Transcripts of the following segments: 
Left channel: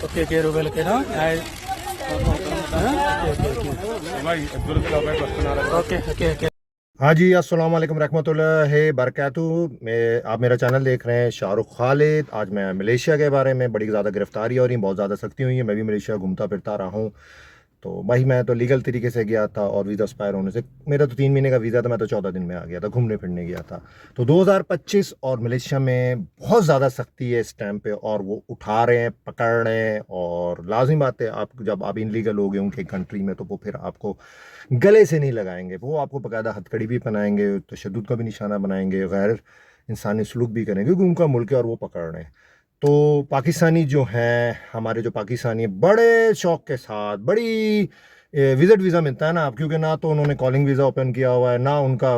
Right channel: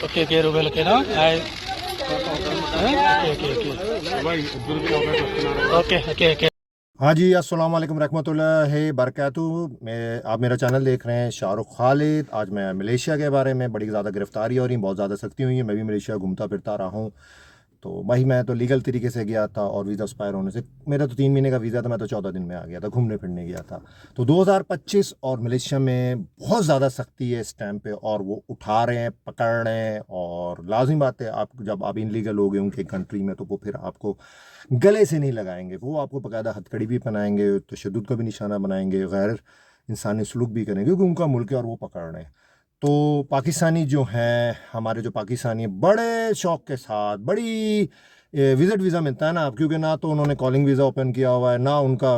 Okay, okay, Rubel, okay, no? Okay, okay, okay. हाँ जी, अस्सलाम वालेकुम रहमतुल्लाहि बरकातुहू। आप मेरा चैनल देख रहे हैं शाहरुख खालिद। आज मैं मलेशिया के बारे में, बड़ी ज़्यादा गिरफ्तारी हो रही, बहुत ज़्यादा सख्ती हुई है। मैं भी मलेशिया घूमता फिरता रहा हूँ। तो भाई मैं तो लीगल तरीके से गया था और वीज़ा एक्सपायर होने से मेरा तो 3 महीने का वीज़ा था, मैं तो 14 दिन में आ गया था, घूमने फिरने गया था। तो 2025 और मलेशिया में बहुत ज़्यादा सख्ती है इस टाइम पे, और वो उठा रहे हैं, पकड़ रहे हैं। और लाजिम बात है, आप जब आप इनलीगल हो गए उनके कंट्री में तो वो फिर आपको गले से नहीं लगाएंगे, वो आपको बाकायदा हथकड़ी भी पहनाएंगे, तशद्दुद का भी निशाना बनाएंगे, गैर इंसानी सलूक भी करेंगे, क्योंकि उनका मुल्क है और वो पकड़ रहे हैं। तो पाकिस्तानी जो हैं, हमारे जो पाकिस्तानी हैं, बड़े शौक के साथ, बड़ी विज़िट वीज़ा मिलता है ना आप, क्योंकि ना तो उन्होंने कॉलिंग वीज़ा ओपन किया हुआ है, ना उनका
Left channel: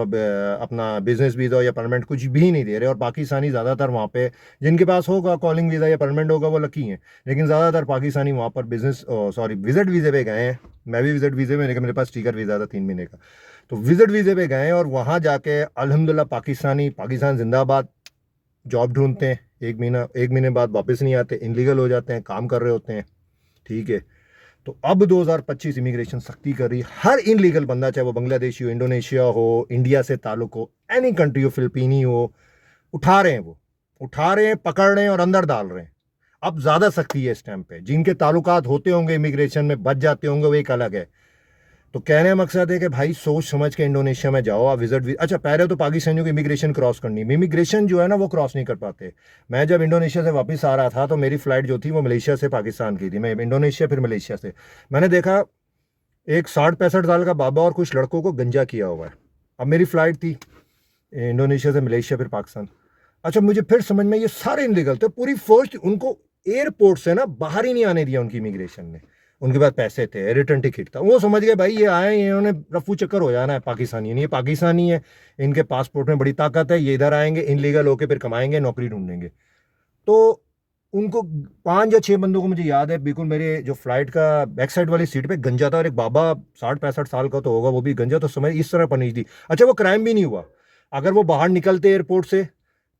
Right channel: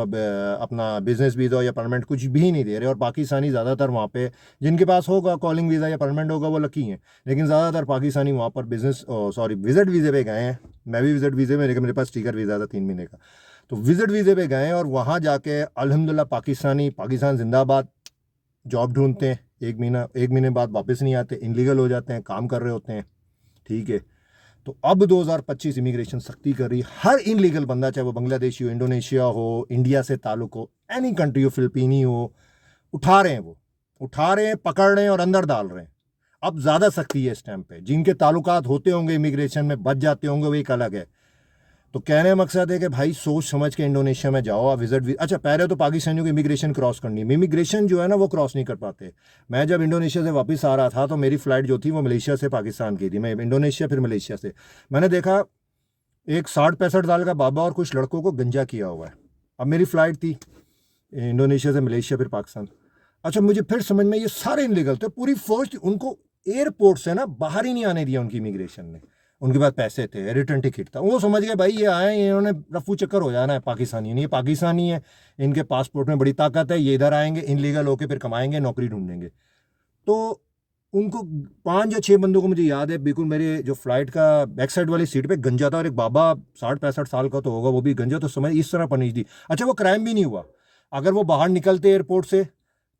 अपना बिजनेस वीज़ा या परमानेंट कुछ भी नहीं दे रहे। और पाकिस्तानी ज़्यादातर वहाँ पे, जिनके पास होगा कॉलिंग वीज़ा या परमानेंट होगा, वो लकी हैं। लेकिन ज़्यादातर पाकिस्तानी वहाँ पर बिजनेस विज़िट वीज़े पे गए हैं। मैं भी विज़िट वीज़े में, लेकिन मेरे पास स्टिकर वीज़ा था 3 महीने का। तो विज़िट वीज़े पे गए हैं और वहाँ जाके अल्हम्दुलिल्लाह पाकिस्तान जिंदाबाद जॉब ढूंढते हैं। 1 महीने बाद वापस नहीं आते, इनलीगल हो जाते हैं, काम कर रहे होते हैं। ठीक है। तो अब 2025 इमिग्रेशन सख्ती कर रही है। हर इनलीगल बंदा, चाहे वो बांग्लादेशी हो, इंडोनेशिया हो, इंडिया से ताल्लुक हो, एनी कंट्री हो, फिलिपीनी हो, उठा रहे हैं, वो उठा रहे हैं, पकड़ रहे हैं और अंदर डाल रहे हैं। अब ज़्यादा सख्ती है इस टाइम पे। जिनके ताल्लुकात होते होंगे इमिग्रेशन में, बच जाते होंगे, वो एक अलग है। तो कहने का मकसद है कि भाई सोच समझ के इंडोनेशिया में जाओ आप, अच्छा, पहले तो पाकिस्तानियों की इमिग्रेशन क्रॉस करनी है। इमिग्रेशन जो है ना, वो क्रॉस नहीं कर पाते। मैं जब इंडोनेशिया से वापस आ रहा था तो मेरी फ़्लाइट जो थी वो मलेशिया से पाकिस्तान की थी। मैं इंडोनेशिया फिर मलेशिया से, मैंने देखा एक 60-65 साल का बाबा और कुछ लड़कों को गंजा किया हुआ है। अब मेरी फ़्लाइट थी इंडोनेशिया से मलेशिया फिर पाकिस्तान। अच्छा, मुझे फिर समझ में, ये सारे इनलीगल थे। पूरी फोर्स उनको एयरपोर्ट से ना बाहर ही नहीं आने दिया उनकी इमिग्रेशन ने। उनके पास पैसे थे, रिटर्न टिकट था, वो समझ गए भाई ये आए, इन्होंने रफू चक्कर हो जाना है, पाकिस्तानी नहीं, ये पाकिस्तानी है, इनके पासपोर्ट में बड़ी ताकत है, ये इधर आएंगे, इनलीगल होके फिर कमाएंगे, नौकरी ढूंढेंगे। तो उनको 5 या 6 बंदों को मुझे याद है बिल्कुल, मेरे जो फ्लाइट का बैक साइड वाली सीट पे गंजा था, और एक बाबा 60-65 साल का तो होगा, वो भी गंजा। तो समझ इस तरह पनीच दी। अच्छा, वो क्राइम भी नहीं हुआ। अगर वो बाहर निकलते एयरपोर्ट से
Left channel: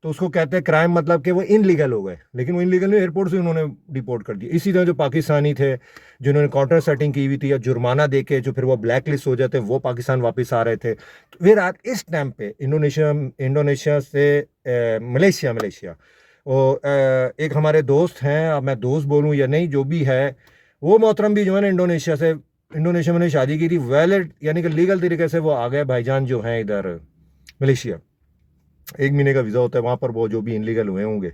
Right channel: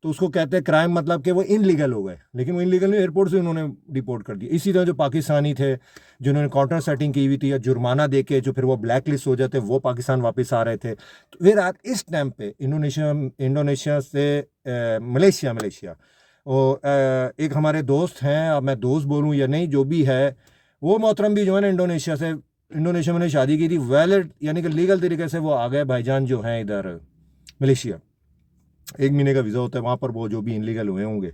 तो उसको कहते हैं क्राइम, मतलब कि वो इनलीगल हो गए। लेकिन वो इनलीगल नहीं, एयरपोर्ट से उन्होंने डिपोर्ट कर दिया। इसी तरह जो पाकिस्तानी थे जिन्होंने काउंटर सेटिंग की हुई थी या जुर्माना दे के जो फिर वो ब्लैक लिस्ट हो जाते, वो पाकिस्तान वापस आ रहे थे। तो फिर आज इस टाइम पे इंडोनेशिया से मलेशिया वो एक हमारे दोस्त हैं, अब मैं दोस्त बोलूँ या नहीं, जो भी है, वो मोहतरम भी जो है ना इंडोनेशिया में शादी की थी, वैलिड यानी कि लीगल तरीके से वो आ गए भाईजान जो हैं इधर मलेशिया। 1 महीने का वीज़ा होता है वहाँ पर। वो जो भी इनलीगल हुए होंगे,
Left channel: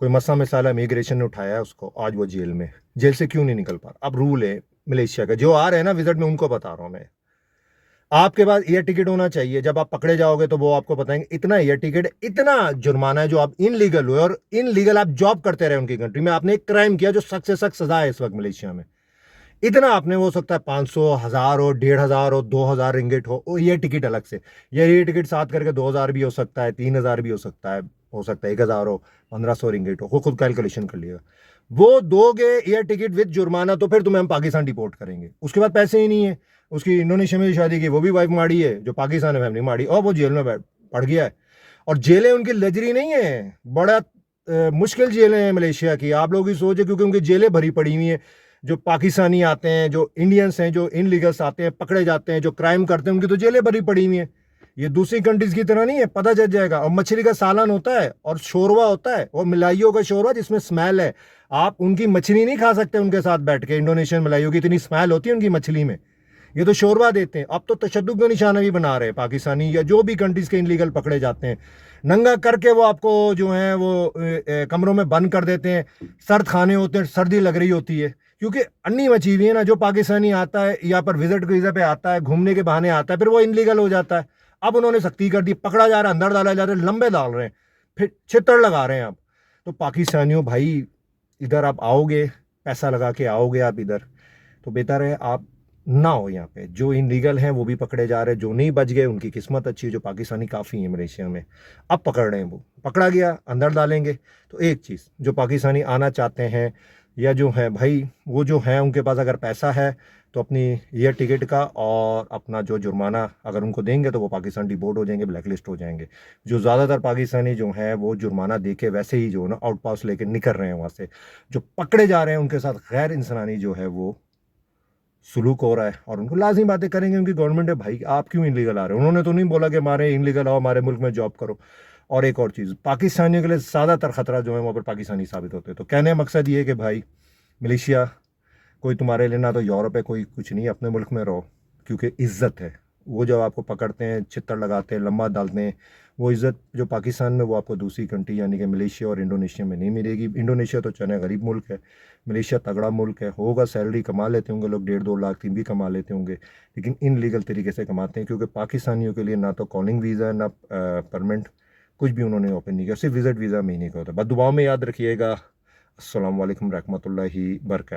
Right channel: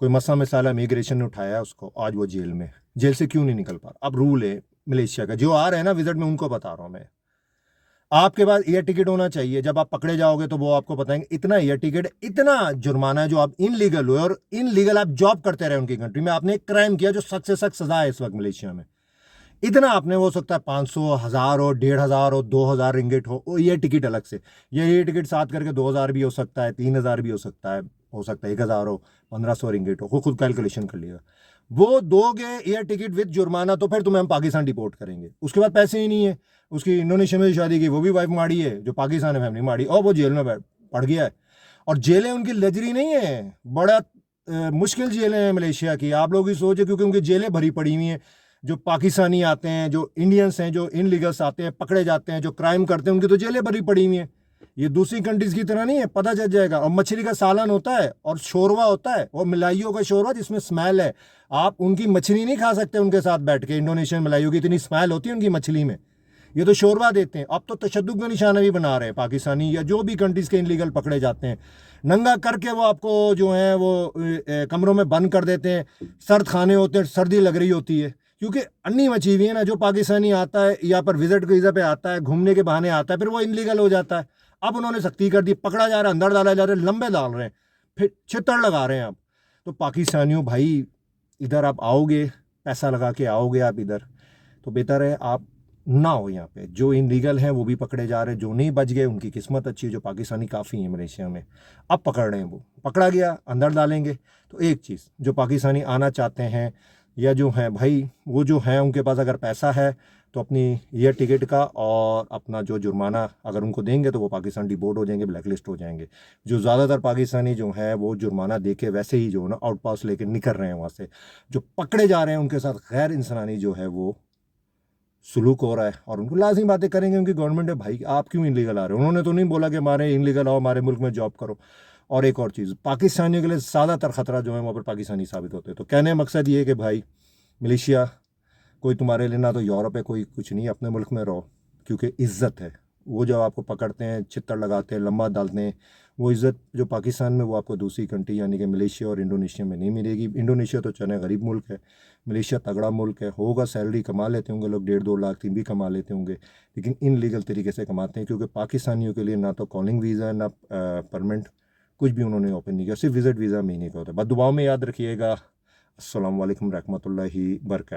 कोई मसला मिसाला इमिग्रेशन ने उठाया है उसको, आज वो जेल से क्यों नहीं निकल पा रहा। अब रूल है मलेशिया का, जो आ रहे हैं ना विजिट में, उनको बता रहा हूँ मैं। आपके पास एयर टिकट होना चाहिए। जब आप पकड़े जाओगे तो वो आपको बताएंगे इतना एयर टिकट, इतना जुर्माना है जो आप इनलीगल हुए, और इनलीगल आप जॉब करते रहे उनकी कंट्री में, आपने एक क्राइम किया जो सख्त से सख्त सजा है इस वक्त मलेशिया में। इतना आपने, हो सकता है 500, 1000 हो, 1500 हो, 2000 रिंगिट हो ये टिकट अलग से। ये टिकट साथ करके 2000 भी हो सकता है, 3000 भी हो सकता है 1000 हो, 1500 रिंगिट हो, खुद कैलकुलेशन कर लिएगा। वो दोगे एयर टिकट विद जुर्माना तो फिर तुम्हें हम पाकिस्तान डिपोर्ट करेंगे। उसके बाद पैसे ही नहीं है। उसकी इंडोनेशिया में शादी की, वो भी वाइफ माड़ी है, जो पाकिस्तान में फैमिली माड़ी, और वो जेल में पड़ गया है। और जेलें उनकी लग्जरी नहीं है, बड़ा मुश्किल जेलें हैं मलेशिया की। आप लोग ही सोचे, क्योंकि उनकी जेलें भरी पड़ी हुई हैं। जो पाकिस्तानी आते हैं, जो इंडियंस हैं, जो इनलीगल्स आते हैं, पकड़े जाते हैं, जो क्राइम करते हैं, उनकी तो जेलें भरी पड़ी हुई हैं। ये दूसरी कंट्रीज की तरह नहीं है, पता चल जाएगा। और मछली का सालन होता है और शोरवा होता है, और मिलाइयों का शोरवा जिसमें स्मेल है। आप उनकी मछली नहीं खा सकते उनके साथ बैठ के। इंडोनेशियन मिलाइयों की इतनी स्मेल होती है उनकी मछली में। ये तो शोरबा देते हैं। अब तो तशद्दुद का निशाना भी बना रहे हैं पाकिस्तानी, या जो भी कंट्रीज के इनलीगल पकड़े जाते हैं, नंगा करके वो आपको जो है वो कमरों में बंद कर देते हैं। सर्द खाने होते हैं, सर्दी लग रही होती है, क्योंकि अन्नी मची हुई है ना। जो पाकिस्तानी आता है यहाँ पर विजिट वीज़ा पे आता है, घूमने के बहाने आता है, फिर वो इनलीगल हो जाता है। अब उन्होंने सख्ती कर दी, पकड़ा जा रहा है, अंदर डाला जा रहा है, लंबे डाल रहे हैं, फिर छितर लगा रहे हैं आप। तो पाकिस्तानियों भाई, इधर आप आओगे, पैसा लगा के आओगे आप इधर, तो बेहतर है आप ना हो यहाँ पे। जो इनलीगल हैं वो भी पकड़े जा रहे हैं, जो नहीं बच गए उनकी किस्मत अच्छी है। जो पाकिस्तानी काफ़ी है मलेशिया में, अब पकड़ रहे हैं, वो पकड़ा गया अंदर डालेंगे। तो एक चीज़, जो पाकिस्तानी आना चाहते हैं या जो हैं भाई वो जो हैं उनके पास अगर पैसा है तो अपनी एयर टिकट का और अपना जो जुर्माना अगर उनको देंगे तो वो पाकिस्तान डिपोर्ट हो जाएंगे, ब्लैक लिस्ट हो जाएंगे। जो ज़्यादातर पाकिस्तानी जो हैं वो जुर्माना दे के वैसे ही जो है ना आउट पास लेके निकल रहे हैं वहाँ से। जो पकड़े जा रहे हैं उनके साथ गैर इंसानी जो है वो सुलूक हो रहा है और उनको लाजिम बातें करेंगे। उनकी गवर्नमेंट है भाई, आप क्यों इनलीगल आ रहे हो? उन्होंने तो नहीं बोला कि हमारे इनलीगल आओ हमारे मुल्क में जॉब करो। और एक और चीज़, पाकिस्तानियों के लिए ज़्यादातर खतरा जो है वहाँ पर पाकिस्तानी साबित होते हैं। तो कहने का मकसद ये है कि भाई मलेशिया कोई तुम्हारे लिए ना तो यूरोप है, कोई कुछ नहीं, अपने मुल्क में रहो क्योंकि इज़्ज़त है। वो जब आपको पकड़ते हैं, छित्तर लगाते हैं, लम्बा डालते हैं, वो इज़्ज़त जो पाकिस्तान में वो आपको दूसरी कंट्री यानी कि मलेशिया और इंडोनेशिया में नहीं मिलेगी। इंडोनेशिया तो चने गरीब मुल्क है, मलेशिया तगड़ा मुल्क है। होगा सैलरी कमा लेते होंगे लोग, 1.5-2 लाख 3 भी कमा लेते होंगे, लेकिन इन लीगल तरीके से कमाते हैं क्योंकि पाकिस्तानियों के लिए ना तो कॉलिंग वीज़ा ना परमानेंट कुछ भी उन्होंने ओपन नहीं किया, सिर्फ विज़िट वीज़ा महीने का होता है। बस दुआओं में याद रखिएगा। अस्सलाम वालेकुम रहमतुल्लाहि बरकातहू।